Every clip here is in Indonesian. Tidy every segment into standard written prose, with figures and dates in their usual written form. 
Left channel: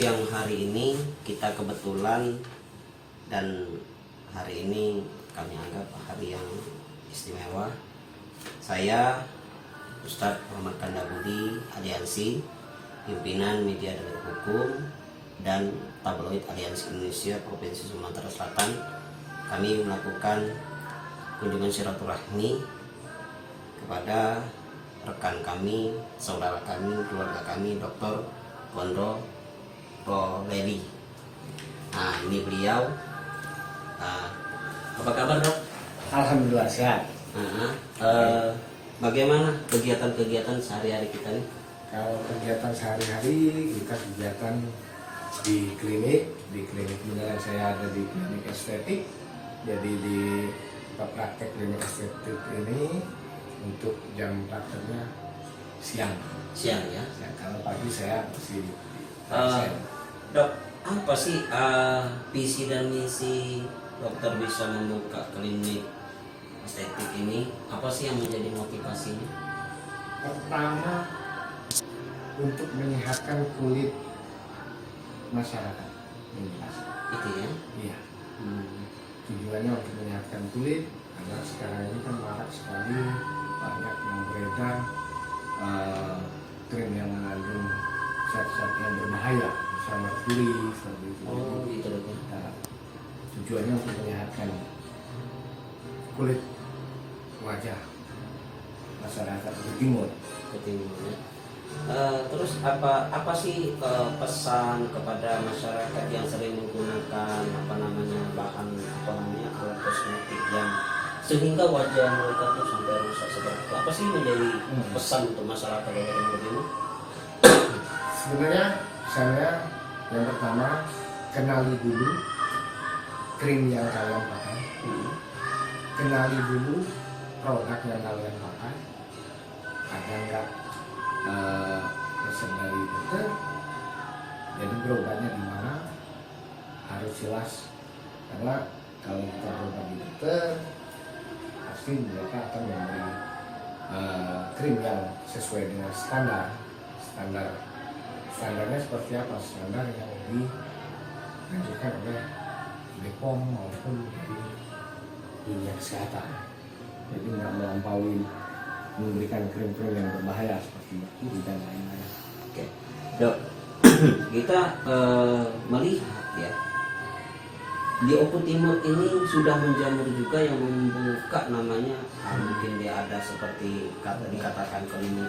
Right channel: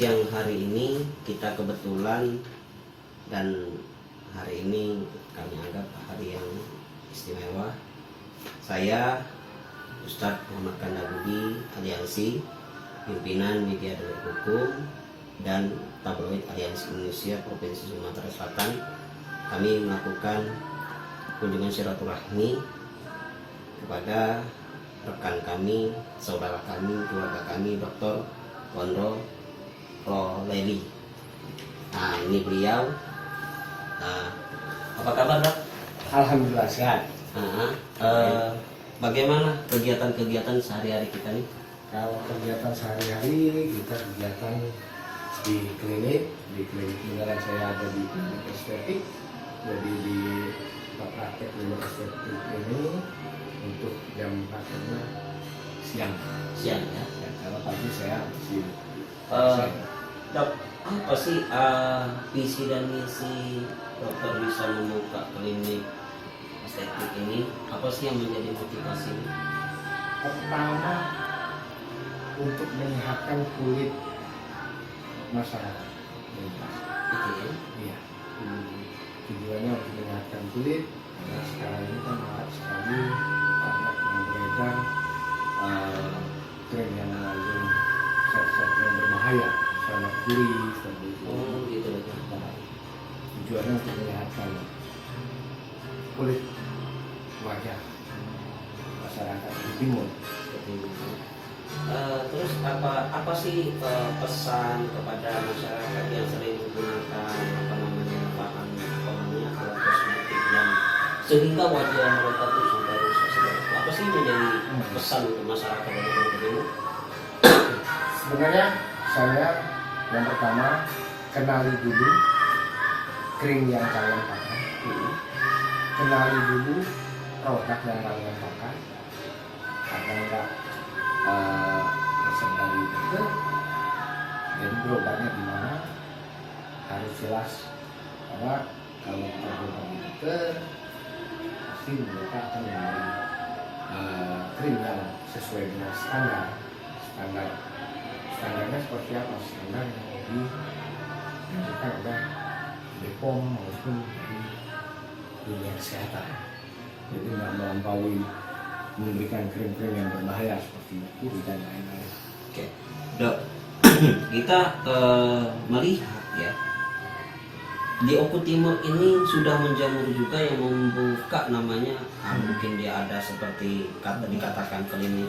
siang hari ini kita kebetulan, dan hari ini kami anggap hari yang istimewa. Saya Ustadz Muhammad Kandabudi Aliansi, pimpinan media dari hukum dan tabloid Aliansi Indonesia Provinsi Sumatera Selatan, kami melakukan kunjungan silaturahmi kepada rekan kami, saudara kami, keluarga kami, Dr. Gondro Leli. Nah, ini beliau. Apa kabar, Dok? Alhamdulillah sehat. Bagaimana kegiatan-kegiatan sehari-hari kita nih? Kalau kegiatan sehari-hari kita kegiatan di klinik beneran saya ada di klinik estetik. Jadi di praktek klinik estetik ini untuk jam prakteknya siang ya. Kalau pagi saya di Dok, apa sih visi dan misi dokter bisa membuka klinik estetik ini? Apa sih yang menjadi motivasi? Pertama, untuk menyehatkan kulit masyarakat. Itu ya? Iya. Tujuannya untuk menyehatkan kulit. Karena sekarang ini kan marak sekali banyak yang beredar krim yang mengandung zat-zat yang berbahaya, misalnya merkuri, seperti itu. Oh, gitu betul. Nah, tujuannya untuk menyehatkan kulit wajah masyarakat di timur. Betul. Terus apa sih pesan kepada masyarakat yang sering menggunakan bahan kosmetik yang sehingga wajah mereka tuh sampai rusak seperti itu? Apa sih menjadi pesan untuk masyarakat yang seperti ini? Sebenarnya saya yang pertama kenali dulu krim yang kalian pakai, kenali dulu produk yang kalian pakai, ada enggak resep dari dokter, jadi berobatnya di mana harus jelas. Karena kalau kita berobat di dokter, pasti mereka akan memberi krim yang sesuai dengan standarnya seperti apa, standar yang dianjurkan oleh BPOM maupun dari dunia kesehatan. Jadi nggak melampaui memberikan krim-krim yang berbahaya seperti merkuri dan lain-lain. Oke, Dok, kita melihat ya, di Oku Timur ini sudah menjamur juga yang membuka namanya, mungkin dia ada seperti dikatakan klinik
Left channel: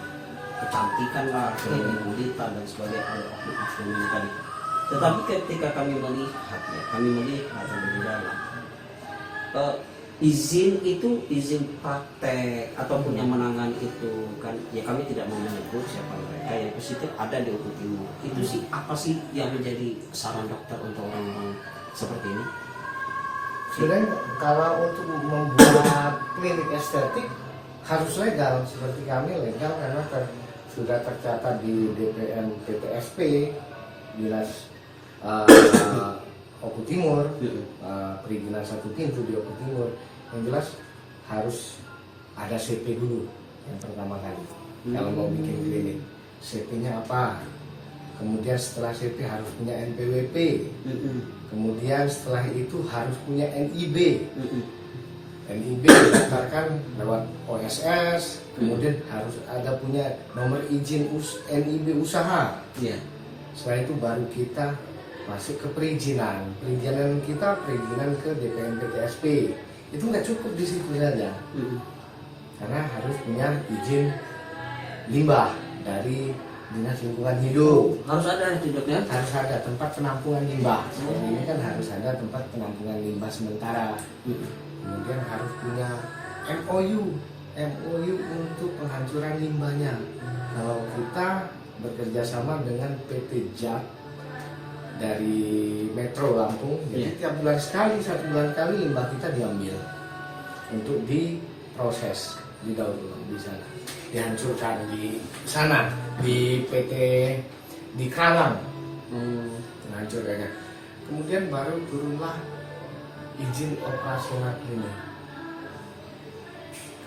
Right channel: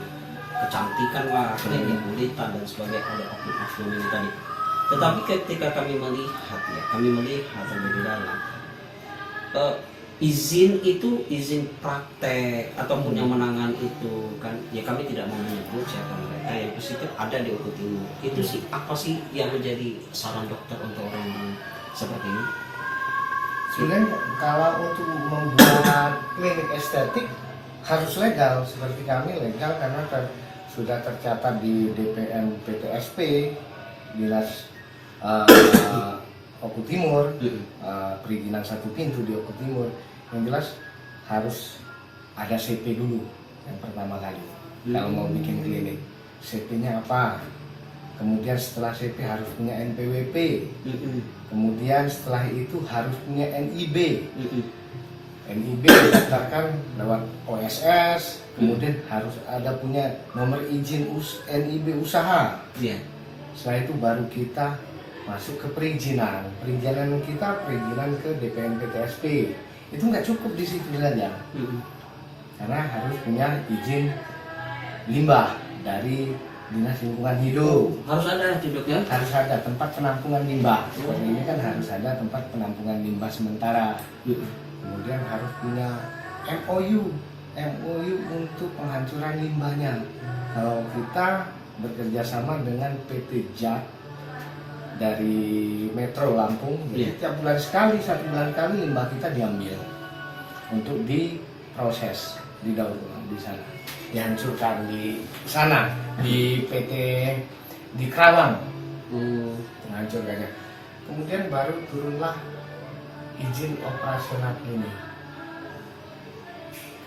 kecantikan lah, klinik kulitan dan sebagainya, ada oknum ini tadi. Tetapi ketika kami melihat lebih dalam, izin praktek ataupun yang menangan itu kan, ya kami tidak mau menyebut siapa mereka, yang positif ada di Oku Timur. Itu sih apa sih yang menjadi saran dokter untuk orang-orang seperti ini? Sebenarnya kalau untuk membuat klinik estetik harus legal, seperti kami legal karena sudah tercatat di DPM PTSP Dinas Oku Timur, perizinan satu pintu di Oku Timur. Yang jelas harus ada CP dulu yang pertama kali kalau mau bikin klinik. CP-nya apa? Kemudian setelah CP harus punya NPWP. Kemudian setelah itu harus punya NIB. NIB didaftarkan lewat OSS. Kemudian harus ada punya nomor izin NIB usaha. Setelah itu baru kita masuk ke perizinan. Perizinan ke DPM PTSP. Itu nggak cukup di situ saja. Karena harus punya izin limbah dari Dinas Lingkungan Hidup. Harus ada tidaknya? Harus ada tempat penampungan limbah. Seperti ini kan harus ada tempat penampungan limbah sementara. Kemudian harus punya MOU untuk penghancuran limbahnya. Kalau kita bekerja sama dengan PT JAT dari Metro Lampung, jadi tiap bulan sekali, 1 bulan kali limbah kita diambil untuk diproses, didaur ulang di sana, dihancurkan di sana, di PT di Kerawang, menghancurkannya. Kemudian baru turunlah izin operasional klinik.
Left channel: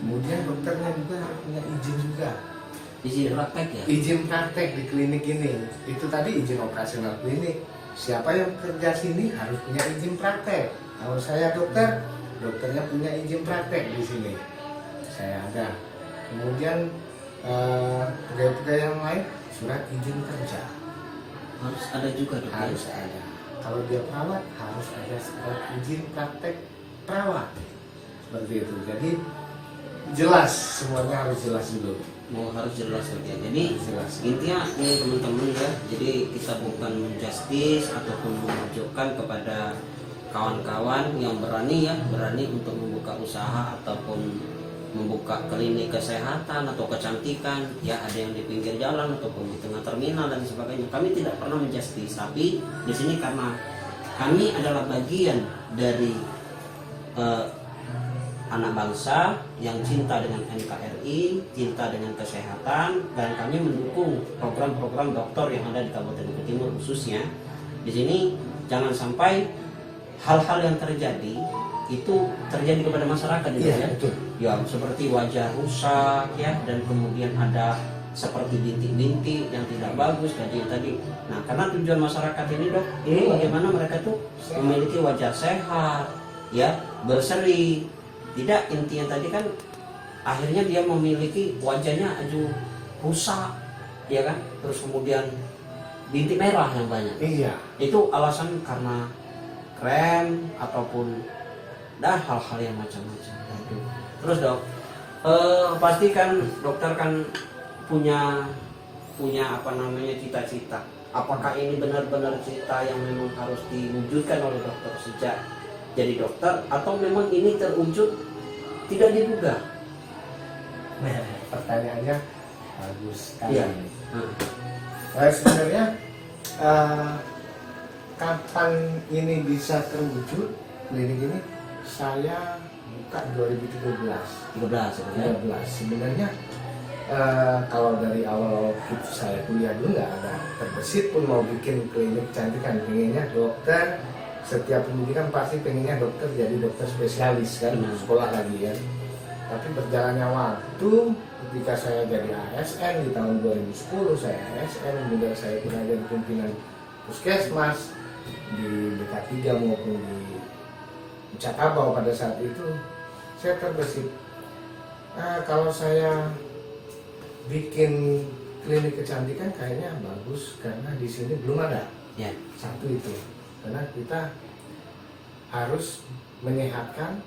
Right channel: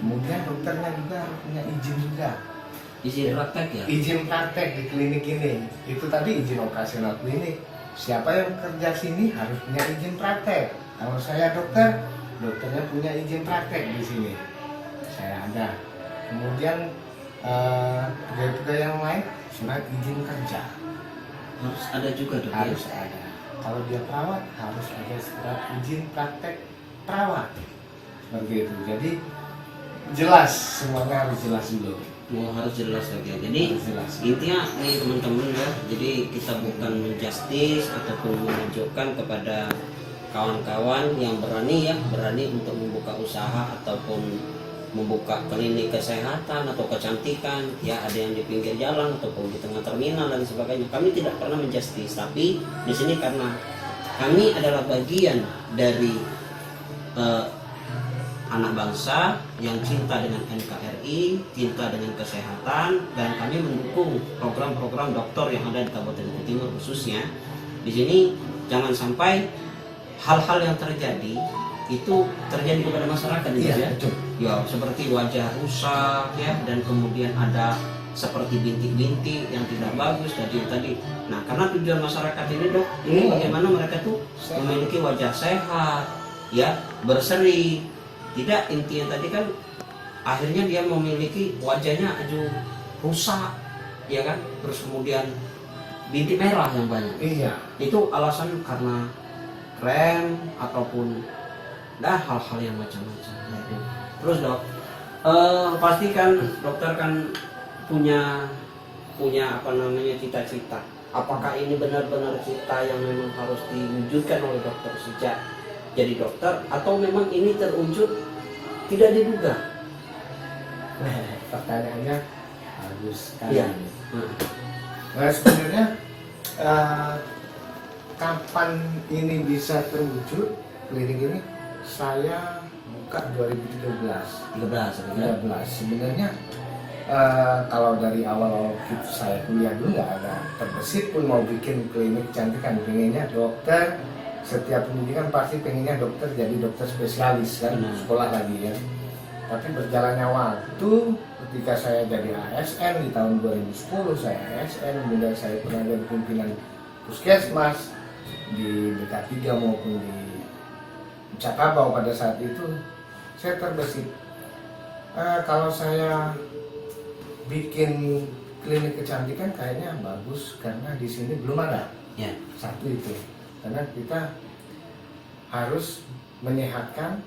Kemudian dokternya juga harus punya izin juga. izin praktek ya. Izin praktek di klinik ini. Itu tadi izin operasional klinik. Siapa yang kerja sini harus punya izin praktek. Kalau saya dokter, dokternya punya izin praktek di sini. Saya ada. Kemudian pegawai-pegawai yang lain surat izin kerja Harus ada juga dok. harus ada. Kalau dia perawat harus ada surat izin praktek perawat. Seperti itu. Jadi jelas, semuanya harus jelas dulu. Harus jelas dok ya. Jadi Jelas. intinya nih teman-teman ya. Jadi kita bukan menjustis ataupun menunjukkan kepada kawan-kawan yang berani untuk membuka usaha ataupun membuka klinik kesehatan atau kecantikan ya, ada yang di pinggir jalan ataupun di tengah terminal dan sebagainya. Kami tidak pernah menjustis, tapi di sini karena kami adalah bagian dari anak bangsa yang cinta dengan NKRI, cinta dengan kesehatan, dan kami mendukung program-program dokter yang ada di Kabupaten Bukit Timur khususnya. Di sini jangan sampai hal-hal yang terjadi itu terjadi kepada masyarakat Iya, ya. betul. Ya, seperti wajah rusak ya, dan kemudian ada seperti bintik-bintik yang tidak bagus tadi. Nah, karena tujuan masyarakat ini dok, ini bagaimana mereka tuh memiliki wajah sehat, ya, berseri. Tidak, intinya tadi kan akhirnya dia memiliki wajahnya aja rusak, ya kan? Terus kemudian bintik merah yang banyak. Iya. Itu alasan karena krem ataupun hal-hal yang macam-macam. Yaitu. Terus dok, pastikan dokter kan punya apa namanya cita-cita. Apakah ini benar-benar cita yang memang harus diwujudkan oleh dokter sejak jadi dokter, atau memang ini terwujud tidak diduga? Pertanyaannya bagus sekali. Iya. Nah, sebenarnya kapan ini bisa terwujud klinik ini? Saya buka 2013. 13 Sebenarnya kalau dari awal saya kuliah dulu nggak ada terbesit pun mau bikin klinik kecantikan. Pengennya dokter, setiap pendidikan pasti pengennya dokter jadi dokter spesialis kan, sekolah lagi ya. Tapi berjalannya waktu, ketika saya jadi ASN di tahun 2010, saya ASN, kemudian saya pernah jadi pimpinan puskesmas di BK3 maupun di Cakabau pada saat itu. Saya terbesit, kalau saya bikin klinik kecantikan kayaknya bagus karena di sini belum ada. Ya. Satu itu, karena kita harus menyehatkan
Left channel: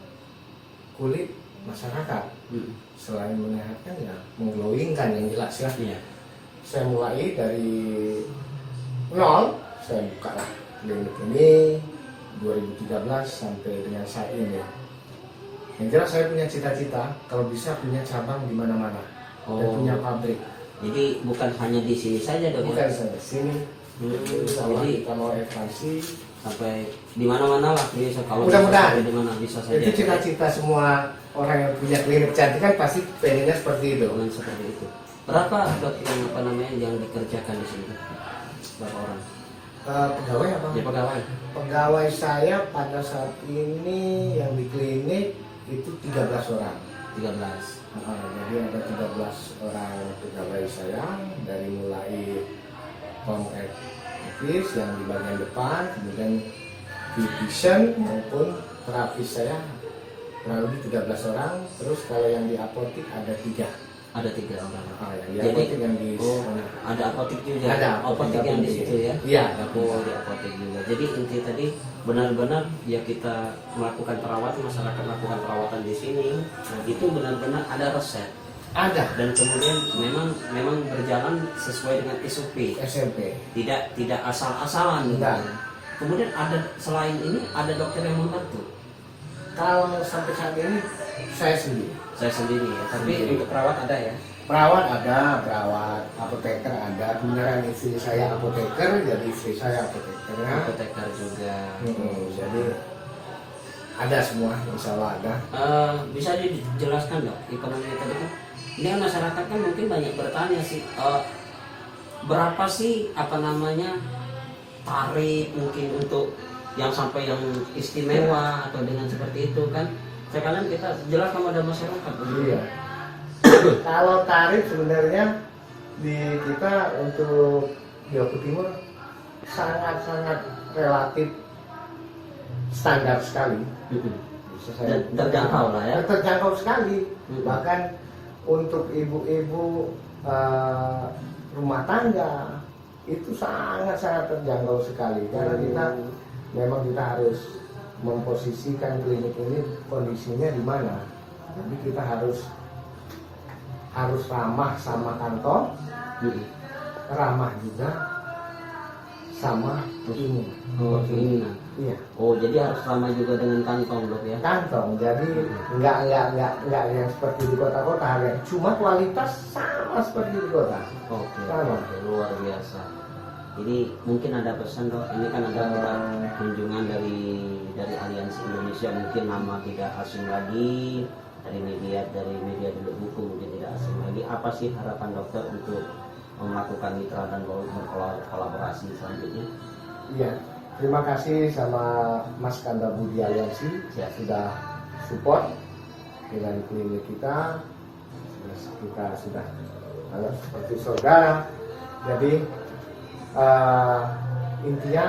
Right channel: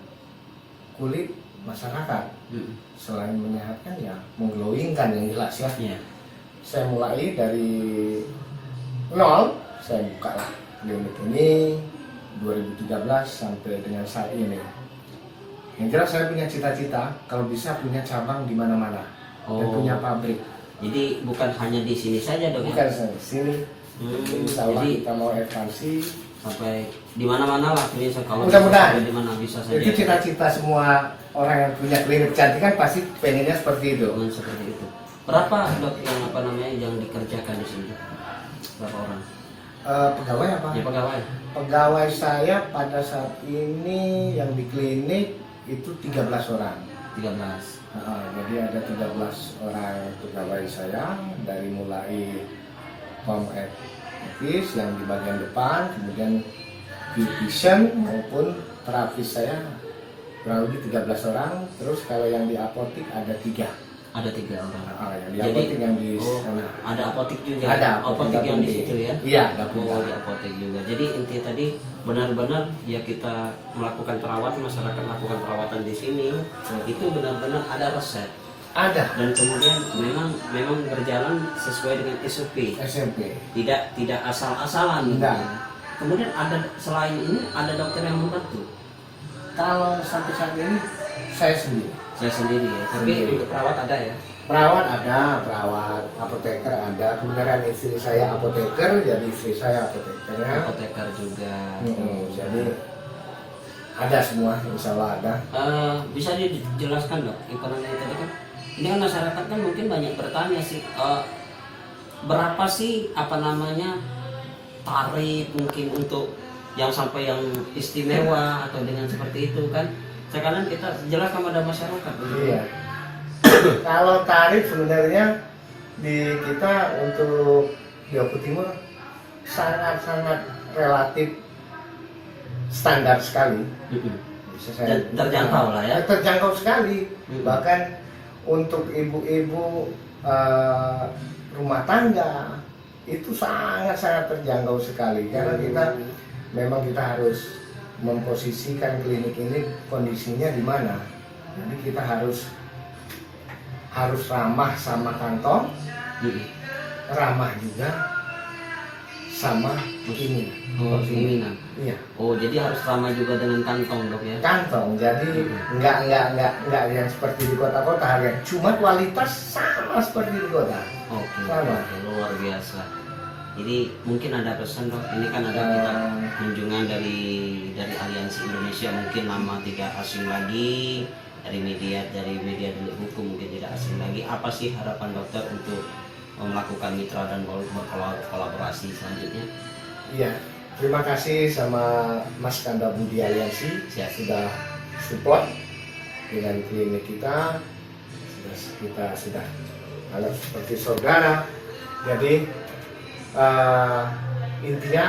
kulit masyarakat. Selain menyehatkan ya mengglowingkan yang jelas ya. Iya. Saya mulai dari nol, saya buka lah klinik ini 2013 sampai dengan saat ini. Yang jelas saya punya cita-cita kalau bisa punya cabang di mana-mana dan punya pabrik. Jadi bukan hanya di sini saja dok. Bukan Ya? saya di sini. Insya Allah Jadi kita mau ekspansi sampai di mana-mana lah, ini kalau mudah-mudahan di mana bisa saja. itu cita-cita semua orang yang punya klinik kecantikan pasti pengennya seperti itu. Dengan seperti itu. Berapa dok yang apa namanya yang dikerjakan di sini? Berapa orang? Pegawai apa? Ya pegawai. Pegawai saya pada saat ini yang di klinik itu 13 orang. 13. Jadi ada 13 orang pegawai saya, dari mulai home office yang di bagian depan, kemudian beautician maupun terapis saya kurang lebih 13 orang. Terus kalau yang di apotik ada 3. Ada 3 orang. Yang di apotik yang di sana. Ada apotik juga. Ada apotik yang di situ ya. Iya, ada di apotik juga. Jadi inti tadi benar-benar ya kita melakukan perawatan, masyarakat melakukan perawatan di sini itu benar-benar ada resep. Ada. Dan kemudian memang berjalan sesuai dengan SOP. SMP. Tidak asal-asalan. Tidak. Kemudian ada selain ini ada dokter yang membantu. Kalau sampai saat ini saya sendiri. Saya sendiri ya. Tapi Sendiri. untuk perawat ada ya. Perawat ada, perawat, apoteker ada. Kemudian istri saya apoteker, jadi istri saya apotekernya. Apoteker juga. Jadi ada semua, insya Allah ada. Bisa dijelaskan dok, ekonomi tadi kan ini kan masyarakat kan mungkin banyak bertanya sih, berapa sih apa namanya tarif mungkin untuk yang sampai yang istimewa atau dengan seperti itu kan? Sekarang kita jelaskan pada masyarakat. Iya. Kalau tarif sebenarnya di kita untuk di Oku Timur sangat-sangat relatif standar sekali. Bisa saya Terjangkau lah ya. terjangkau sekali. Mm-mm. Bahkan untuk ibu-ibu rumah tangga itu sangat-sangat terjangkau sekali karena kita memang kita harus memposisikan klinik ini kondisinya di mana. Jadi kita harus ramah sama kantong, ramah juga sama ini. Oh, ini nah. Iya, Oh, jadi harus sama juga dengan kantong, Dok ya. kantong. Jadi nggak yang seperti di kota-kota ya. Cuma kualitas sama seperti di kota. Oke. Sama. Oke, luar biasa. Jadi mungkin ada pesan, Dok. Ini kan ada kita kunjungan dari Aliansi Indonesia, mungkin nama tidak asing lagi, dari media dulu buku mungkin tidak asing lagi. Apa sih harapan dokter untuk melakukan mitra dan berkolaborasi selanjutnya? Iya, terima kasih sama Mas Kanda Budi Aliansi Siap. sudah support dengan klinik kita. Kita sudah anggap seperti saudara. Jadi intinya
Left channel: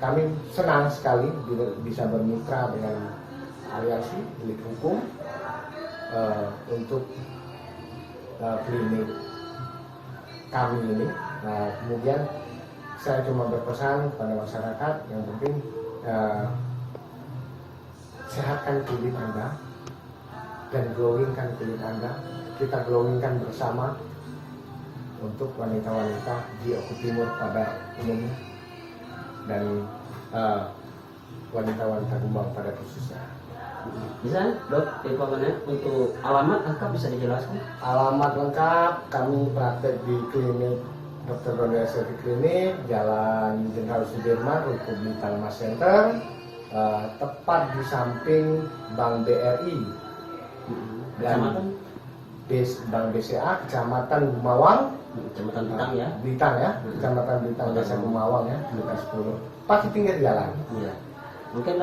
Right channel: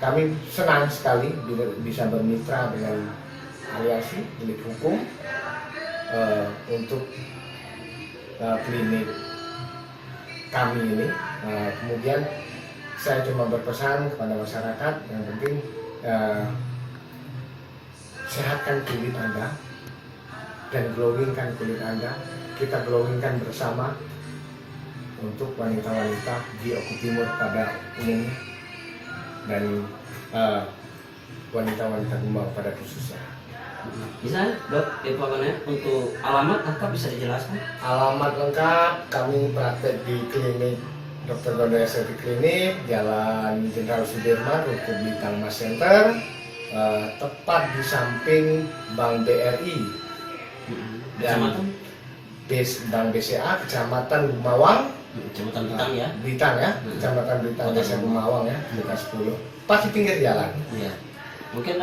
kami senang sekali bisa bermitra dengan Aliansi Delik Hukum untuk klinik kami ini. Kemudian saya cuma berpesan kepada masyarakat yang penting sehatkan kulit Anda dan glowingkan kulit Anda. Kita glowingkan bersama untuk wanita-wanita di Oku Timur pada umumnya dan wanita-wanita Kumbang pada khususnya. Bisa, Dok, informasinya untuk alamat lengkap bisa dijelaskan? Alamat lengkap kami praktek di klinik Dr. Gondo Estetik Klinik, Jalan Jenderal Sudirman, Ruko Bintang Mas Center, tepat di samping Bank BRI Kecamatan? Bank BCA, Kecamatan Gumawang, Kecamatan Bintang ya? Bintang ya, Kecamatan Bintang Desa Gumawang ya, Desa 10. Pas di pinggir jalan. Iya. Mungkin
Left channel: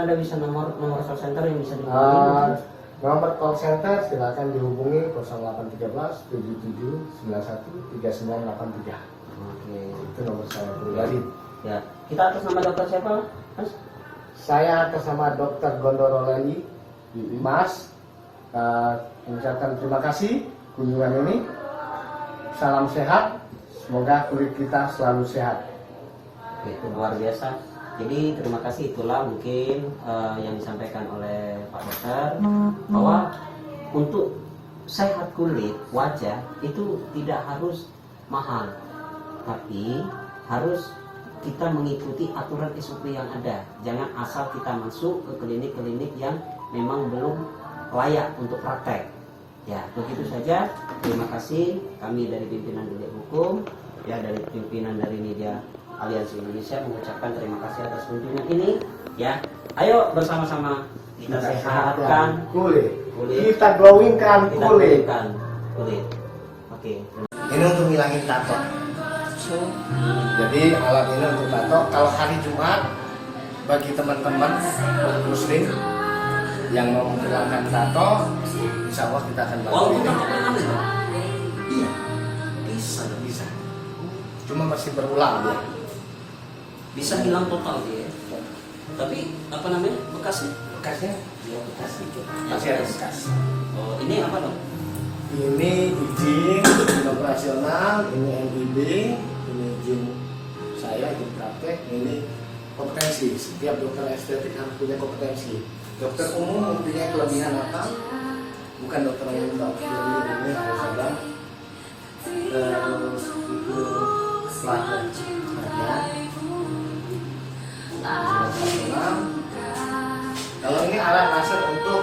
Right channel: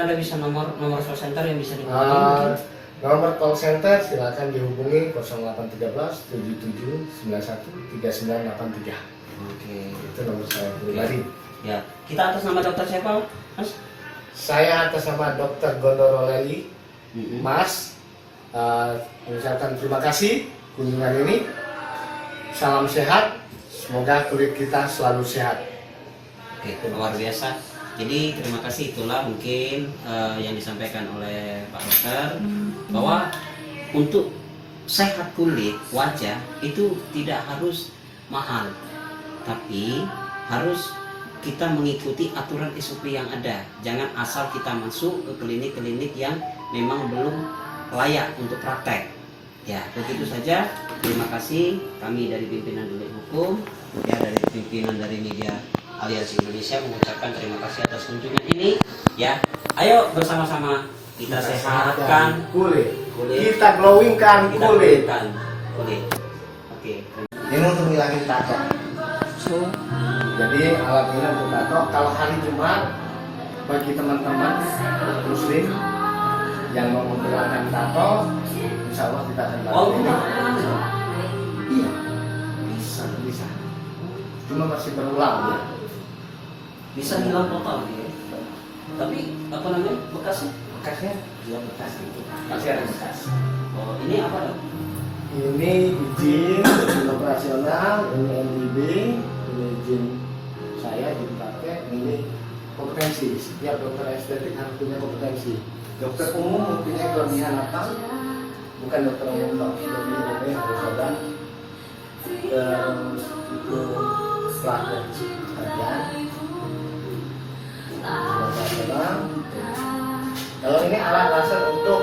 ada bisa nomor call center yang bisa dihubungi Uh, mungkin? Nomor call center silakan dihubungi 0813 77 91 3983. Oke. Itu nomor saya pribadi. Ya, kita atas nama dokter siapa, Mas? Saya atas nama Dr. Gondoro Leli, Mm-mm. Mas, mengucapkan terima kasih kunjungan ini. Salam sehat, semoga kulit kita selalu sehat. Oke, luar biasa. Jadi terima kasih, itulah mungkin yang disampaikan oleh Pak Dokter bahwa untuk sehat kulit wajah itu tidak harus mahal, tapi harus kita mengikuti aturan SOP yang ada. Jangan asal kita masuk ke klinik-klinik yang memang belum layak untuk praktek. Ya, begitu saja. Terima kasih kami dari pimpinan Delik Hukum, ya dari pimpinan dari media Aliansi Indonesia mengucapkan terima kasih atas kunjungan ini. Ya, ayo bersama-sama kita sehatkan kulit. kulit. Kita glowingkan Kita kulit. glowingkan kulit. Oke. Ini untuk ngilangin tato. Jadi alat ini untuk tato. Kalau hari Jumat bagi teman-teman muslim yang mau menghilangkan tato, insya Allah kita akan bantu. Walaupun tak pernah itu. Iya, Bisa. cuma masih berulang ya. Bisa hilang total ya. Tapi apa namanya? Bekasnya? Bekasnya Ya, bekas itu. masih ada bekas. Oh, ini apa dong? Ini izin operasional, ini NIB, ini izin saya, izin praktek, ini kompetensi. Setiap dokter estetik harus punya kompetensi. Dokter umum mempunyai kelebihan apa? Bukan dokter umum, dokter umum harus ada. Terus itu pelatihan kerjaan. Operasional. Kalau ini alat laser untuk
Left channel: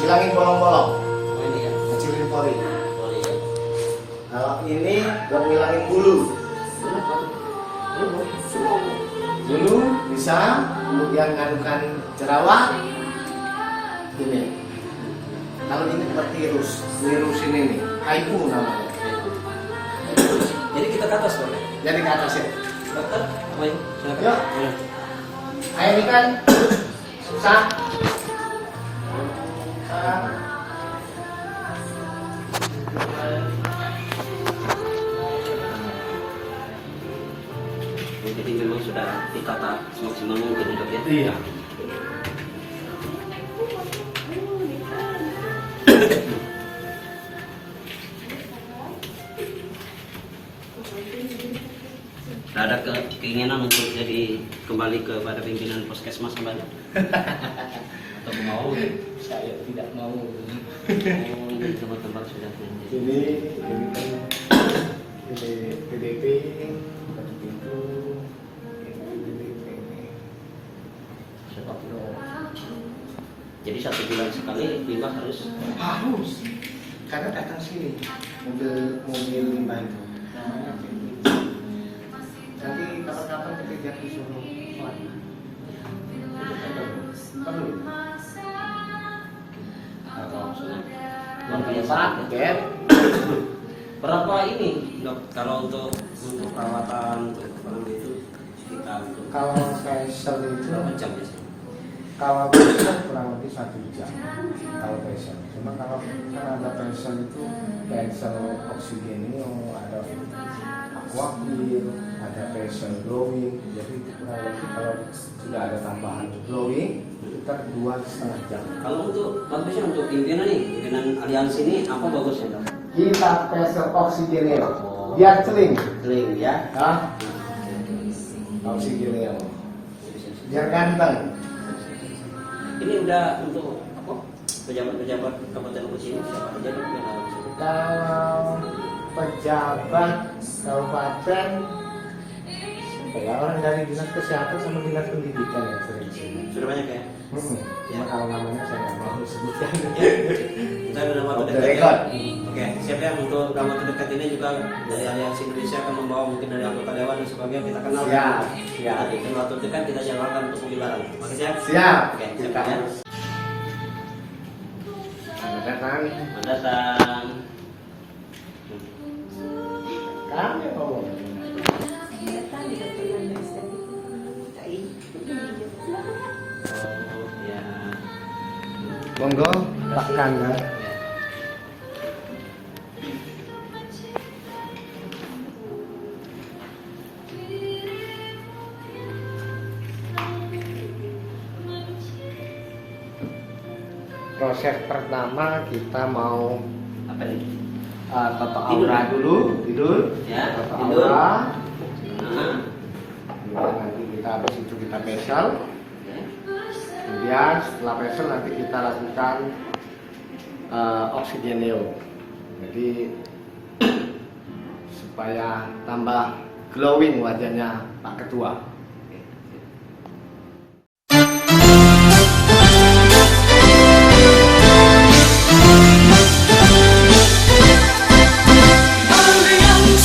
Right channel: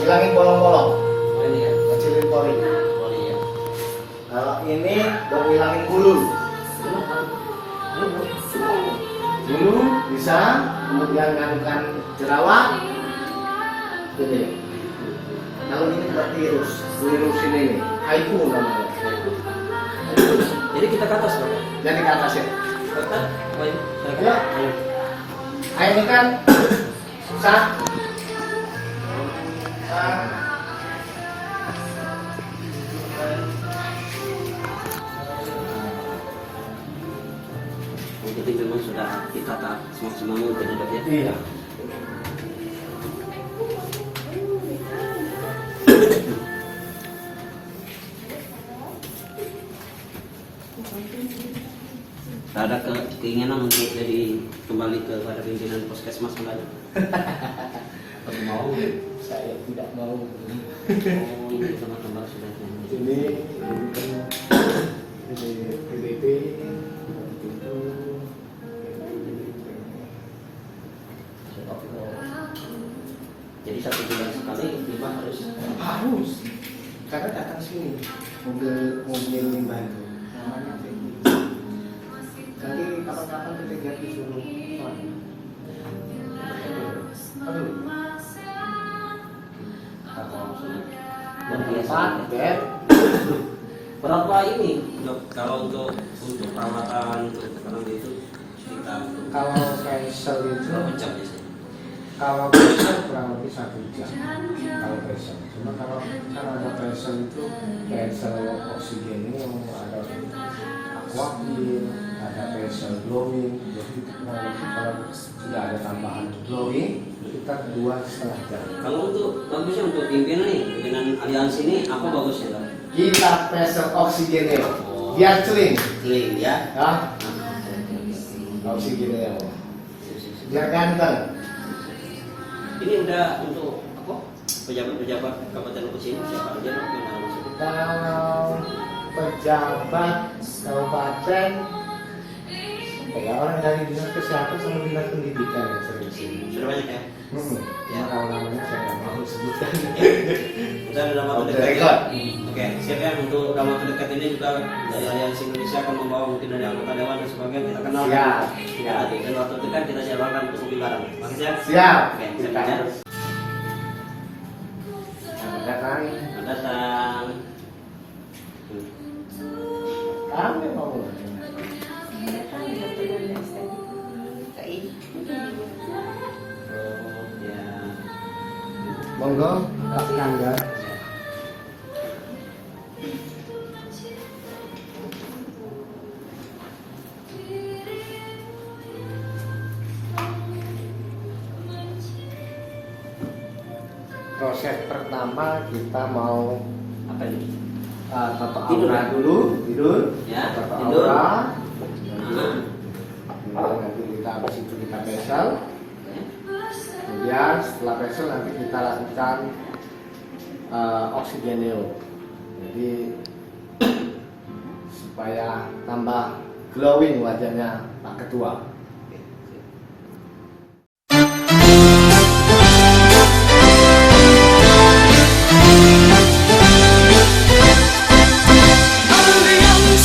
hilangin bolong-bolong, Oh, ini ya. ngecilin pori. Oh, iya. Kalau ini buat ngilangin bulu. Bulu bisa, kemudian nganukan jerawat. Ini. Kalau ini buat virus ini, haiku namanya. Jadi kita ke atas dong. Jadi ke atas ya. Dokter, ayo, silakan. Ya. Air ini kan susah. ditata semaksimal mungkin dok ya. Iya. Tak ada keinginan untuk jadi kembali kepada pimpinan puskesmas kembali atau mau? Saya tidak mau. Oh, ini tempat-tempat sudah Ini PDP satu pintu. jadi 1 bulan sekali limbah harus Harus, karena datang sini mobil limbah itu. Namanya safety. Nanti kapan-kapan kita disuruh lagi. Perlu. luar biasa. Paket. Berapa ini dok kalau untuk perawatan untuk barang itu kita untuk Kalau facial itu, berapa jam biasanya? kalau facial kurang lebih 1 jam. Kalau facial, cuma kalau kan ada facial itu facial oksigen ini ada aquafil, ada facial glowing. Jadi itu kurang lebih kalau sudah ada tambahan glowing kita 2,5 jam. Kalau untuk bagusnya untuk pimpinan nih, pimpinan aliansi ini apa bagusnya dok? Kita facial oksigen biar clean, Clean ya. ah oksigen biar ganteng. Ini udah untuk apa? Pejabat-pejabat Kabupaten Lukus ini siapa aja dok yang harus masuk? Kalau pejabat kabupaten ya orang dari dinas kesehatan sama dinas pendidikan yang sering sini. Sudah banyak ya? Cuma kalau namanya saya nggak mau sebutkan. Kita dalam waktu Off the dekat ya. record. Oke, siap ya untuk dalam waktu dekat ini juga dari Aliansi Indonesia akan membawa mungkin dari anggota dewan dan sebagainya kita kenal. Siap, Kita siap. bikin waktu dekat kita jadwalkan untuk mobil bareng. Makasih ya. Siap. Oke, Kita siap ya. harus. Selamat datang. Selamat datang. Kami mau. Oh ya. Monggo, Pak Kangga. Proses pertama kita mau Apa ini? tata Tidur. aura dulu, tidur. Ya, Tata tidur. aura. Nah. Nanti kita habis itu kita facial. Kemudian setelah facial nanti kita lakukan oksigeneo. Jadi supaya tambah glowing wajahnya Pak Ketua.